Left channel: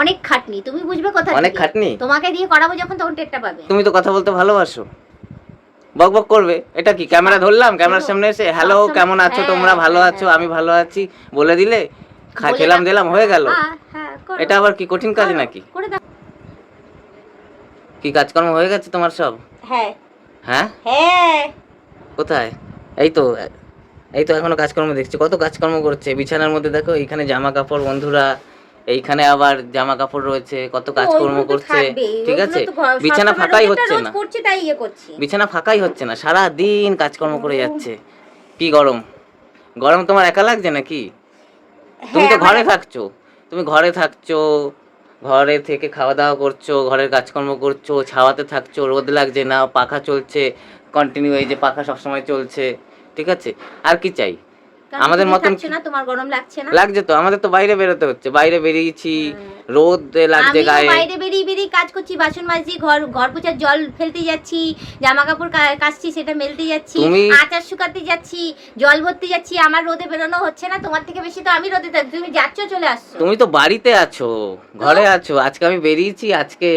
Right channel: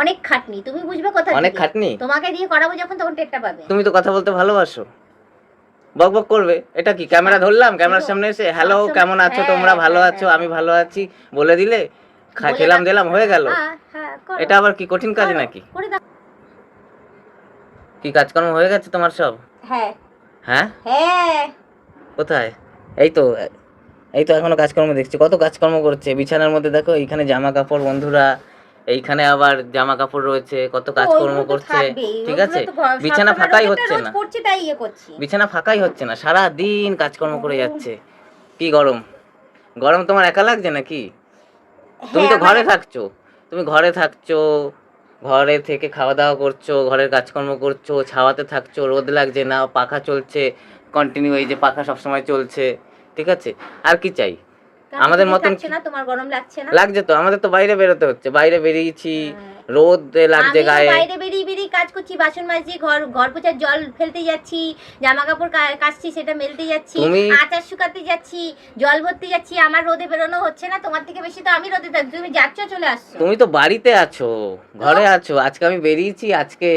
অনেক খাটনি, তুমি বুঝবে কোথা থেকে? অনেক খাটনি তোমাকে দিয়ে করাবো যখন তখন টেরটা পাবে। তুমি তো কথা বলতে ভালোবাসো, বক বক করবে। এটা কি ক্যামেরা ধরলাম, ক্যামেরার সামনে এসে হ্যালো কেমন আছো তোমরা, ভালো আছো আমি ভালো আছি বলে দিলে, খেলাম দিলাম হয়ে গেল? এটা আবার কি কঠিন কাজ নাকি? কি কাজকর্ম হয়ে গেছে তোমার সব? হ্যাঁ হ্যাঁ হ্যাঁ। কোথায়? এই তো, এই তো এখনো কাজকর্ম দেখছি, কত কাজকর্ম করছে বিছানার মধ্যে। দেখো এইখানে জামা কাপড় বন্ধুরা, এইখানে আবার জামা কাপড় রয়েছে, কত কাজকর্ম করছে। ঠিক আছে, বিছানা ফাঁকাই হচ্ছে না, বিছানা ফাঁকাই হচ্ছে না, সারা দিন কাজকর্ম করে যাচ্ছে। কি গরম, গরম তোমার একা লাগছে নাকি? তুমি তো ঘরে থাকছো, তুমি ঘরে থাকছো, ঘরে থেকে খাওয়া দাওয়া করছো, ঘরের কাজকর্ম করছো, ছাওয়াতে থাকছো, রোদ লাগছে না, পাখা চলছে কন্টিনিউ, এই যে পাখা সবসময় চলছে। ঠিক আছে, আর কি চাই? আমাদের মতন তোমার গরম লাগছে না? লাগছে তো, আমাদের তো বাইরে বেরোতে হচ্ছে, বাইরে বেরিয়েছি, রোদ লাগছে গায়ে, বাইরে বেরিয়ে বেরিয়ে কাজ করছি, বাসন মাজছি, ঘর পোছার জল ফেলতে যাচ্ছি, জামা কাপড় কাচছি সেটা মেলতে যাচ্ছি, আচার শুকাতে যাচ্ছি, জল ভরতে যাচ্ছি। আমার রোদে বেরোনো হচ্ছে না, তোমার থেকে বেশি তো আমি রোদে থাকি। তুমি যাচ্ছ চলে আসছো, তুমি তো বাড়িতে আছো, ঘরে আছো। আজকে আমি বেরিয়েছি, আজকে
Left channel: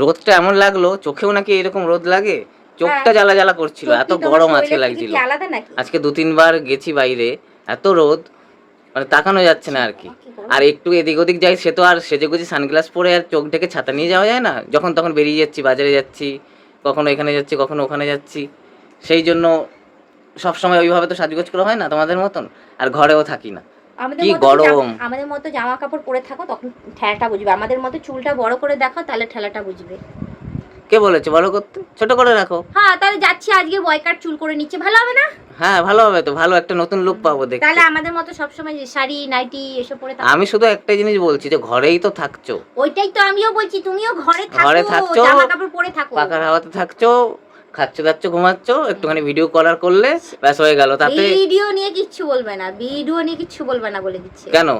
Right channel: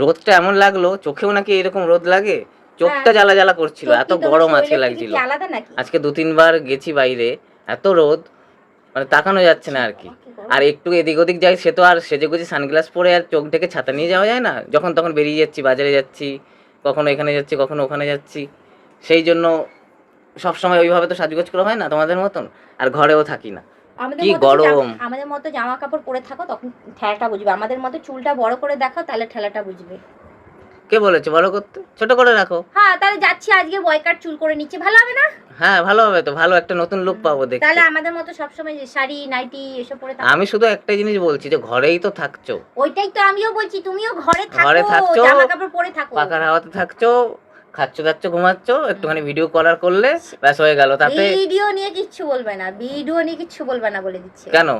রোদটা এমন লাগলো, চোখেও নাকি এরকম রোদ লাগে, চোখটা জ্বালা জ্বালা করছিল, এত গরম আজকে লাগছিল। আজকে 2-3 বার গেছি বাইরে, এত রোদ, মানে তাকানো যাচ্ছে না আর কি। আর একটু এদিক ওদিক যাই, সে তো আর সেজে গুজে সানগ্লাস পরে আর চোখ ঢেকে ছাতা নিয়ে যাওয়া যায় না, যখন তখন বেরিয়ে যাচ্ছি, বাজারে যাচ্ছি, কখনো এখানে যাচ্ছি, কখনো ওখানে যাচ্ছি। সেই জন্য সবসময় ওইভাবে তো সাজগোজ করা হয় না তোমাদের মতন, আর ঘরেও থাকি না। কি গরম। আমাদের মতো জামা কাপড় পরে থাকো তখন ঠেলাটা বুঝবে, আমাদের মতো চুলটা বড় করে দেখাও তাহলে ঠেলাটা বুঝবে। কে বলেছে বড় করতে? ছোট করে রাখো। হ্যাঁ, তাহলে যাচ্ছি আজকে বয়কাট চুল করে নিচ্ছে, ভালো হবে না? হ্যাঁ ভালো হবে তো, ভালো একটা নতুন লুক পাবো দেখতে। তাহলে আমাদের মতো সব সময় শাড়ি নাইটি এসব পরে থাকো। আমি শুধু একটাই জিনিস বলছি, যে ঘরেই তো থাকছো। ওইটাই তো আমিও বলছি, তুমিও ঘরে থাকো, জামা কাপড় পরে থাকো, পাখার হাওয়াতে থাকছো, খাচ্ছো দাচ্ছ ঘুমাচ্ছো, একটুখানি ভিডিও কলার করলে ব্যাস হয়ে গেল। তাতে ভিডিও নিয়ে কিচ্ছু বলবে না, ভিডিও নিয়ে কিচ্ছু বলবে না বলে দিচ্ছে। কেন?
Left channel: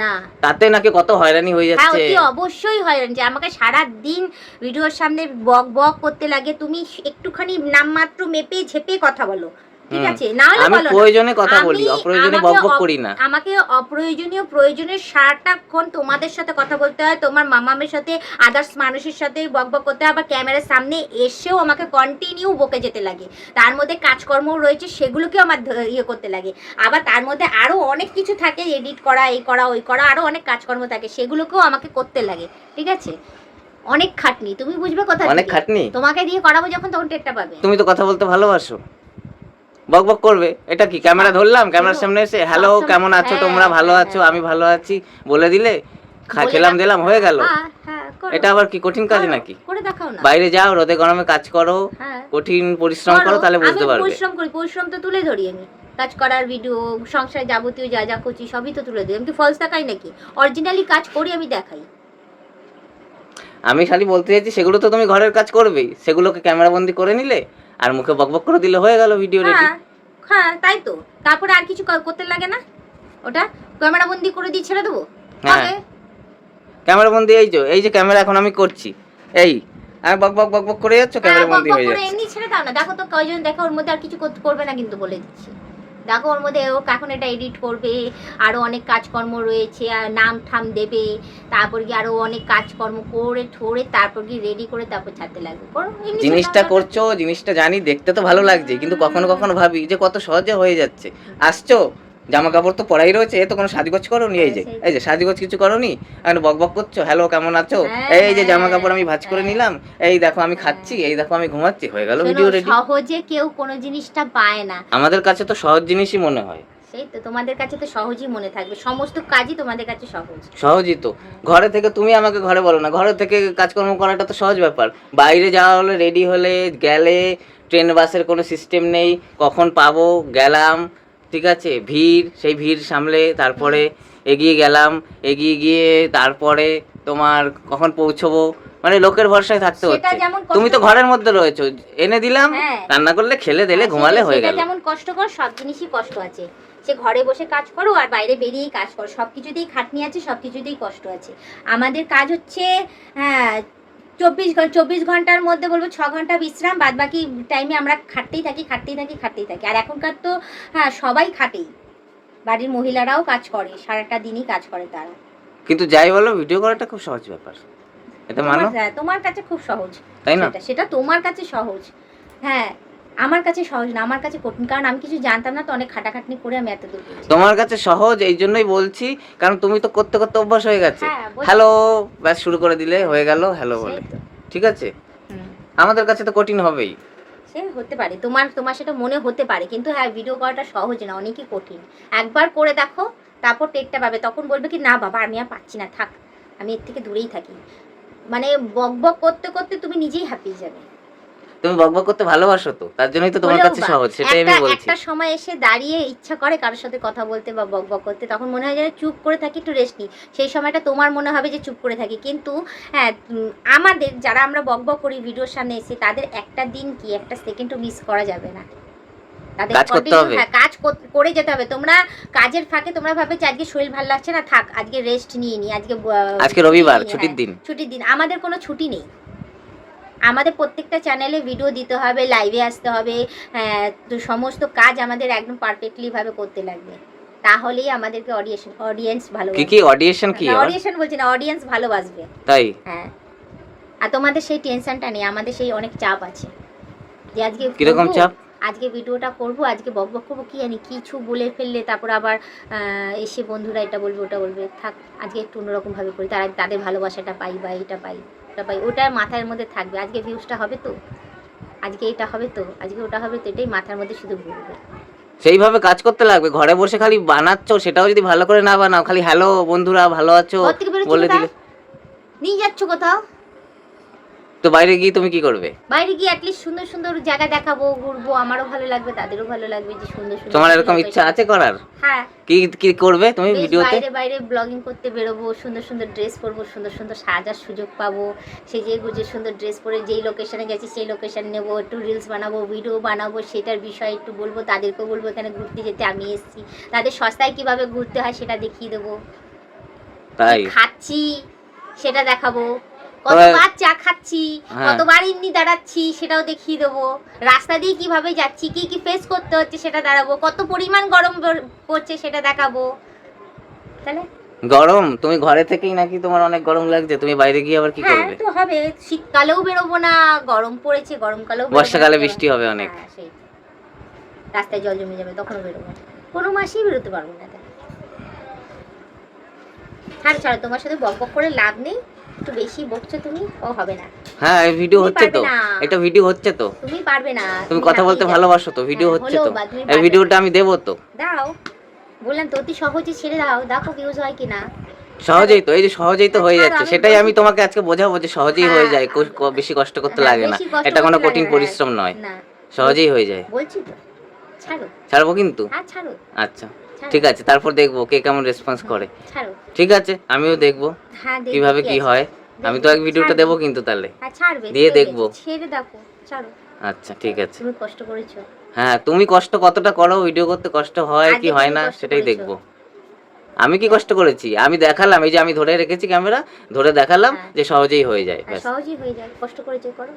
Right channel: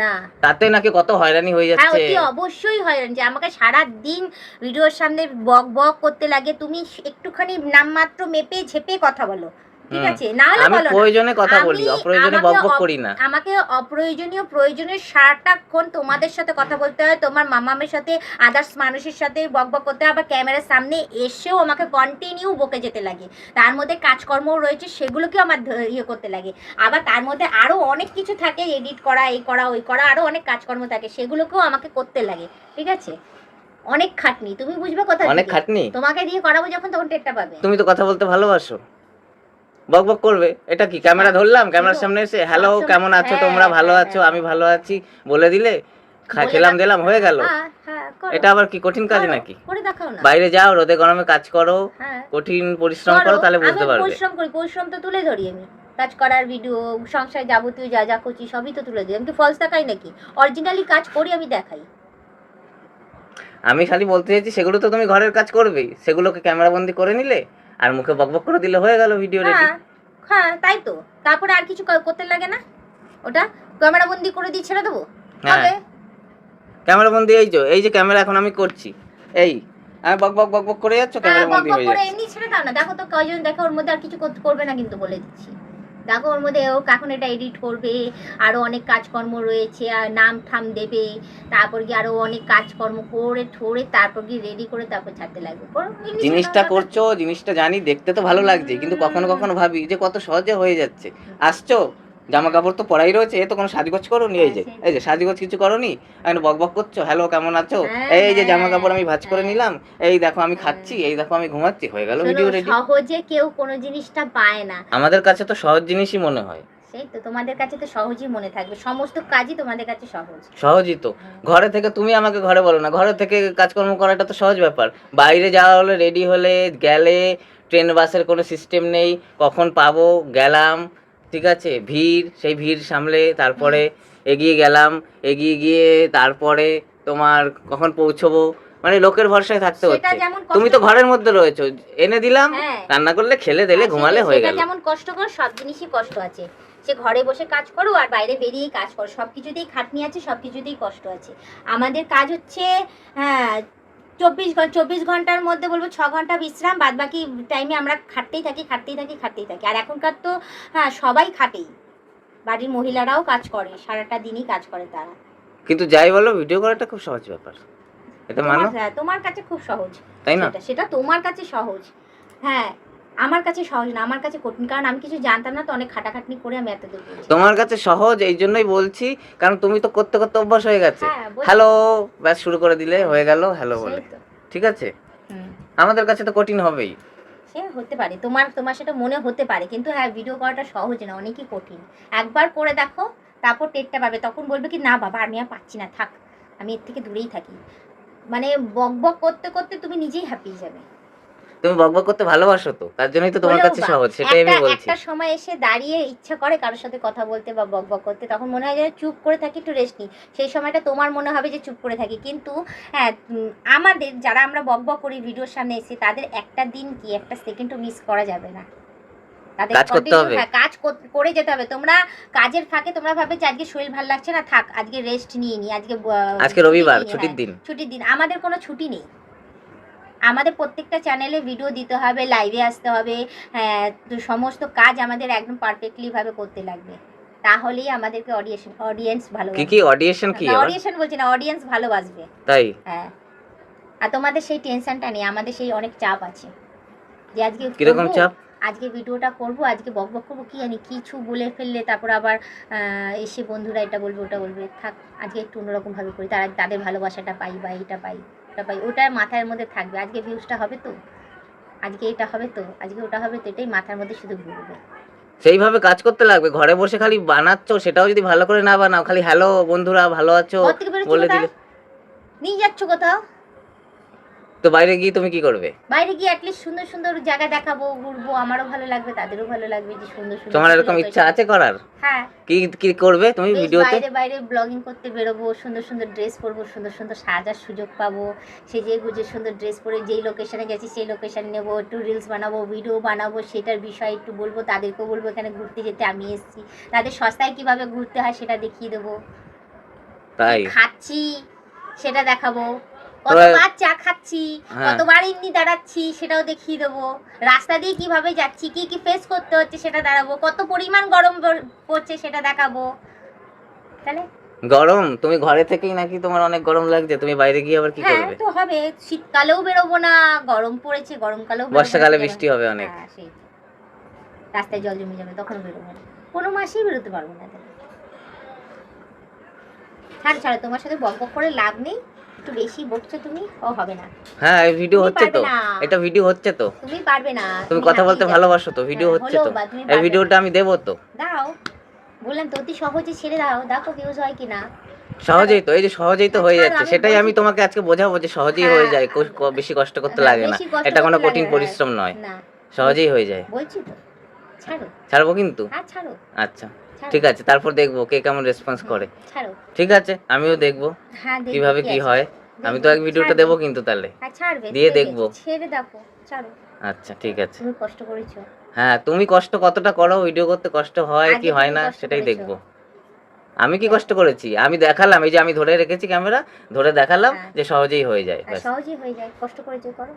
না, তাতে নাকি কত হয়রানি হয়ে যাচ্ছে। হ্যাঁ অতি অবশ্যই হয়রানি, আমাকে সারা দিন ভিডিওর সামনে বক বক করতে লাগে। তুমি একটুখানি নামমাত্র মেপে ঝেপে কথা বলো, ঠিক আছে? না হলে আমি প্রয়োজনে কথা বলি, অপ্রয়োজনে বক বক করি না। আমাকে অপ্রয়োজনীয় প্রয়োজনের সারাটাক্ষণ তোমাদের সাথে কথা বলতে হয়, তোমার মামামের সাথে, আদার্স মানুষের সাথে বক বক করতে হয়, আবার ক্যামেরার সামনে এসেও আমাকে কন্টিনিউ বকে যেতে লাগে। তার মধ্যে কাজকর্মও রয়েছে, সেগুলোকেও আমার ইয়ে করতে লাগে। আবার তার মধ্যে আরও অনেক কিছু থাকে, এডিট করা, এই করা ওই করা, আরও অনেক কাজকর্ম থাকে, সেগুলোকেও আমাকে করতে লাগে। ঠিক আছে, অনেক খাটনি, তুমি বুঝবে কোথা থেকে? অনেক খাটনি, তোমাকে দিয়ে করাবো যখন তখন টেরটা পাবে। তুমি তো কথা বলতে ভালোবাসো, বক বক করবে। এটা কি ক্যামেরা ধরলাম, ক্যামেরার সামনে এসে হ্যালো কেমন আছো তোমরা, ভালো আছো আমি ভালো আছি বলে দিলে, খেলাম দিলাম হয়ে গেল? এটা আবার কি কঠিন কাজ নাকি? বাইরে যাও, রোদে গরমে কাজ করো, কঠিন পরিশ্রম করো, তাহলে বুঝতে পারবে। পরিশ্রম করি, পরিশ্রম তো তুলে ধরি আমি, কাজ করার ভিডিও, সংসারে যাবতীয় যা যা করছি সবই তো তুলে দিই। আমি কি ফলস দেখাই নাকি? অরিজিনালি কাজ করি, আমি দেখাই। আমি খালি বলতে চাইছি, সেগুলো তো তুমি ঘরের কাজ করবেই, সেগুলোকে ক্যামেরা বন্দি করে নিলে আর মুখে বকবক করে দিলে হয়ে গেল, ভিডিও রেডি। হ্যাঁ তাই তো, তারপরে আর কিছু করতে লাগে না, ওটা ক্যামেরা বন্দি করে দিয়ে ছেড়ে দেবো। হ্যাঁ ক্যামেরা বন্দি, এই যে ক্যামেরা এখন আমি করছি, এই আমি বক বক বক বক করে যাচ্ছ, ক্যামেরা বন্দি হয়ে যাচ্ছে। এমনি ছেড়ে দাও না, দেখো তো কয়জন দেখো, ওর মধ্যে আর কিছু করবে না কিন্তু বলে দিচ্ছি। দেখো ওর মধ্যে ও এখন এটা এডিট করবে, আরও অনেক কাজকর্ম রয়েছে, আর নাম ঠাম দেবে, তারপর গিয়ে আরও অনেক কাজকর্ম করে ঠোরে তারপর গিয়ে রেডি করে তারপর ছাড়তে লাগবে। জিনিসটা করছো, জিনিসটা জানি, দেখতে তো ভালো লাগছে, কিন্তু কখনো কখনো ভাবি যে কত সহজে হয়ে যাচ্ছে। আসছো, জামা কাপড় তো পরাই রয়েছে, এ তো কোনো সাজগোজ করোনি, এই যে সাজগোজ কিছু করোনি, এখন বক বক করছো হ্যালো কেমন আছো, এই যে জামা কাপড় আমি ভাঁজ করে নিলাম, এই দেখো আমি খাচ্ছি, এই দেখো আমি ঘুমাচ্ছি, হয়ে গেল ভিডিও রেডি। সহজে কেউ কোনো জিনিসটা পায় না, আমাদের কাছে তো সহজ জিনিসই মনে হয়। সেই তো, তোমাদের কাছে তো সহজই মনে থাকবে, সমস্ত কাজই তোমাদের কাছে সহজই তো। ঘরে থেকে তুমি আমাকে ঘরে বলো না, ঘরে থেকে কাজকর্ম করাটা তো সহজ ব্যাপার। বাইরে যাওয়া হলে, রেডি হলে গেলে, ট্রেন বাসের কোনো সিস্টেম নেই, কখন পাবো, গেলাম, ঠিক আছে, ভিড়, সেই ভিড় সামলে তারপরে এগিয়ে গেলাম, এগিয়ে গিয়ে তারপরে তোমার কখন পৌঁছবো, মানে লোকের ভরসায় থাকতে হচ্ছে। তুমি তো ঘরের মধ্যে রয়েছো, এনে দিলাম, রান্না করলে খেলে দিলে, ঘুমালে হয়ে গেল। যেমন কষ্টকর, সব জিনিসই কষ্ট আছে, সে ঘরে বসে কাজ করো আর বাইরে বেরিয়ে কাজ করো, সব কিছুতেই খাটনি আছে, সব কিছুতেই কষ্ট আছে। আমাদের কাজ হচ্ছে, হ্যাঁ, 24 ঘন্টার মধ্যে বলবো 6 ঘন্টা বিশ্রাম, বাদ বাকি টাইমে আমরা খাটতেই থাকি। আর এখনকার তো হ্যাঁ সবাই খাটেই, বাড়ির মহিলারাও কাজ করে, সারাটা দিনই কাজ করে তারা। কিন্তু যাই বলো ভিডিও করাটা খুব সহজ ব্যাপার, এটা মানো। হ্যাঁ, তোমার কাছে খুব সহজ, তাই না? সেটা তোমার কাছে সহজ, হ্যাঁ আমার কাছে সহজ না, আমার কাছে কঠিন, কারণ আমি কিছু জানতাম না তো, অনেক খাটাখাটনি করে আমি এত দূর পৌঁছেছি। তোমার কাছে সহজ এই জন্যই বলছি, কারণ তুমি তো করতে করতে অভ্যাস হয়ে গেছে। হ্যাঁ, হ্যালো ব্যাস শুরু করে দিলে হয়ে গেল হ্যালো বলে, সেই তো। ঠিক আছে। আমাদের কাছে তো কঠিন হবেই। সে হতে পারে, তোমার সেটা মনে হতে পারে, কিন্তু হ্যাঁ ভিডিও করাটা সহজ না, অনেকই কঠিন। একবার করে দেখো, তারপর টেকটা পাবে, তখন বলবে কি না বাবা আমি আর পাচ্ছি না, থাক আমি এর থেকে দূরেই থাকি। মানে বক বক করতে করতে তুমি নিজেই হাঁপিয়ে যাবে। তুমি বকবক করতে ভালোবাসো তো, তার জন্যই তো তোমার কাছে সহজ, সেটাই আমি বলছি। একটা সময় এসে দাঁড়িয়ে ইচ্ছা করে কারোর সাথে কথা বলতে বা বক বক করতে, তখন মনে হয় যে চুপ করে থাকি, একটু রেস্ট নিই, সেই সময়টা তোমার মনে হবে যে চুপ করে থাকি। কিন্তু হ্যাঁ আমাদের যারা আমরা বক বক করি ভিডিওর সামনে এসে, তাদের একটা দিন কি একটা সেকেন্ডও মিস করা যাবে না, তাদের কাজ করতে হবে। হ্যাঁ কাজ করে যেতে হবে। তোমরা কাজের ফাঁকে তোমরা ভাবে যে আজকে শরীর ভালো লাগছে না, থাক আজকে রেস্ট নিয়ে নি, আজকে রবিবার ছুটির দিন, ছুটির দিন। আমাদের কোনো ছুটি নেই, আমাদের প্রত্যেকটা চ্যানেলে ভিডিও দিতে হবে, লাইভে আসতে হবে, সমস্ত কাজ আমাদের একদম পারফেক্টলি ভাবে করতে লাগবে, তাহলেই আমাদেরকে অডিয়েন্স ভালোবাসবে। কি অডিয়েশন কি অডিয়েশন বলছি না, অডিয়েন্স ভালোবাসবে। তাই হ্যাঁ, আর তোমাদের সেই টেনশনটা নেই, আমাদের সেই অনেক চাপ আছে যে আজকে কিরকম চাপ? আজকে ভিডিওটা করব, আজকে বক বক করবো, কি জানি কিছু বলে ফেললে তারপর আবার এসে বন্ধুরা এটা বলবে ওটা বলবে, থাক আজকে একটু অন্যরকম ভাবে করি, তাদের ভালোবাসাটা পাই বা এটা পাই ওটা পাই, ওটা মাথার মধ্যে থাকবে। আজকে ভিউজটা হবে তো, আজকে এটা হবে তো, আজকে ওটা হবে তো, এটাই মাথার মধ্যে শুধু ঘুরবে। সেইভাবে কাজ করতে লাগবে। ঘরে বসে খালি বানাচ্ছো, সেটাও যদি ভালো করে না বানাও, খালি হ্যালো বন্ধুরা ভালো আছো বলে দিলে, নিয়ে যাচ্ছ কোথাও, তো বাইরে গিয়ে তুমি কি করবে? বাইরে গিয়ে অ্যাটলিস্ট সুন্দর সুন্দর জায়গা দেখাবো, ঘুরবো, আমারও ভালো লাগবে তাদেরও ভালো লাগবে যে সুন্দর সুন্দর। তোমার এরকম ইচ্ছা আছে করার? হ্যাঁ। কি কি করবে তুমি ভিডিওতে? বাইরে বাইরে ব্লগিং করতে বেরোবো, সুন্দর সুন্দর ড্রেস পরবো, সুন্দর সুন্দর সাজার সুযোগ পাবো, সেজে গুজে সুন্দর ড্রেস পরে যেই লোকেশনে গেছি সেই লোকেশন নেবো, একটু রিলস বানাবো, ভিডিও বানাবো, সেটার বিষয়ে একটু বলবো, তাদেরকেও বলবো এখানে ঘুরতে যেতে আমি এসেছি, তাদের সস্তায় কিভাবে ঘুরতে হয় সেটা দেখিয়ে দেবো, তাই খাচ্ছি সেটা দেখাবো, কতবার চা খাচ্ছি, কতবার ইন্নি দাঁড়াচ্ছি সেটাও দেখিয়ে দেবো, রাস্তা দিয়ে কিভাবে যাচ্ছি, কি কি ফেস করতে হচ্ছে সেটা দাঁড়াবো, কত পরিমাণ গরম পড়ছে সেটা দেখাবো। তাহলে গরম তুমি ঘরে থেকেই নাকি তোমার অনেক গরম লাগছে, তুমি বাইরে গিয়ে আবার কি করবে? হ্যাঁ তো হবে, শীতকালেও বেরোবো না, গরম পড়েছে গরমকালেও, বর্ষাকালে বৃষ্টি হবে অনেক, হ্যাঁ সেই রাস্তায় জল জমে যাবে, তখনও বেরোবো না, কোনো মাসেই বেরোতে পারবো না। ছাড়ো তোমার সাথে বক বক করে লাভ নেই, একটু বেশি বকছো তুমি, ও হবে না। হ্যাঁ এই ভিডিও হচ্ছে তো, এটা ভিডিও হচ্ছে তো, তুমি পারবে না, তুমি কথা বলতে ভালোবাসো তো, ভিডিও হচ্ছে তো, এই ভিডিওটা আমি দেবো তো, দাও বললাম তো, অতি সহজে ছেড়ে দাও, দেখো ভিউজ হয় কিনা। সহজেই তো, এই যে সহজেই তো হয়ে যাচ্ছে, সেটাই আমি তোমাকে আজকে বোঝাবো যে সহজেই হয়ে যায়, বেশি কষ্ট করতে লাগে না, এটা কোনো কঠিন পরিশ্রম নয়, সহজেই হয়ে যায়। বলছি তো ছাড়ো, ছাড়বো কিন্তু, হ্যাঁ ছাড়ো, আচ্ছা ঠিক আছে, তারপর দেখবো কে কেমন রেসপন্স করে, ছাড়ো, ঠিক আছে আমিও দেখবো কিভাবে কি হয়, আমি তো এক ভিডিওটা দেবো কিন্তু, তাহলে ছাড়বে দিয়ে দেখবো, ছেড়ে দেখো, ছাড়ো। আচ্ছা ঠিক আছে, তুমি কষ্ট করেছো, হ্যাঁ তুমি কষ্ট কতটা করো, ভিডিও করতে কষ্ট হয় কি হয় না সেটাই দেখবো। আমি কি কষ্ট করেছি, আমি দেখালাম, এই যে আমি ধরে রেখেছি ক্যামেরা, ধরে দেখালাম যে সহজেই হয়ে যায়, সহজেই হয়ে যায়, কষ্ট করেছো করো।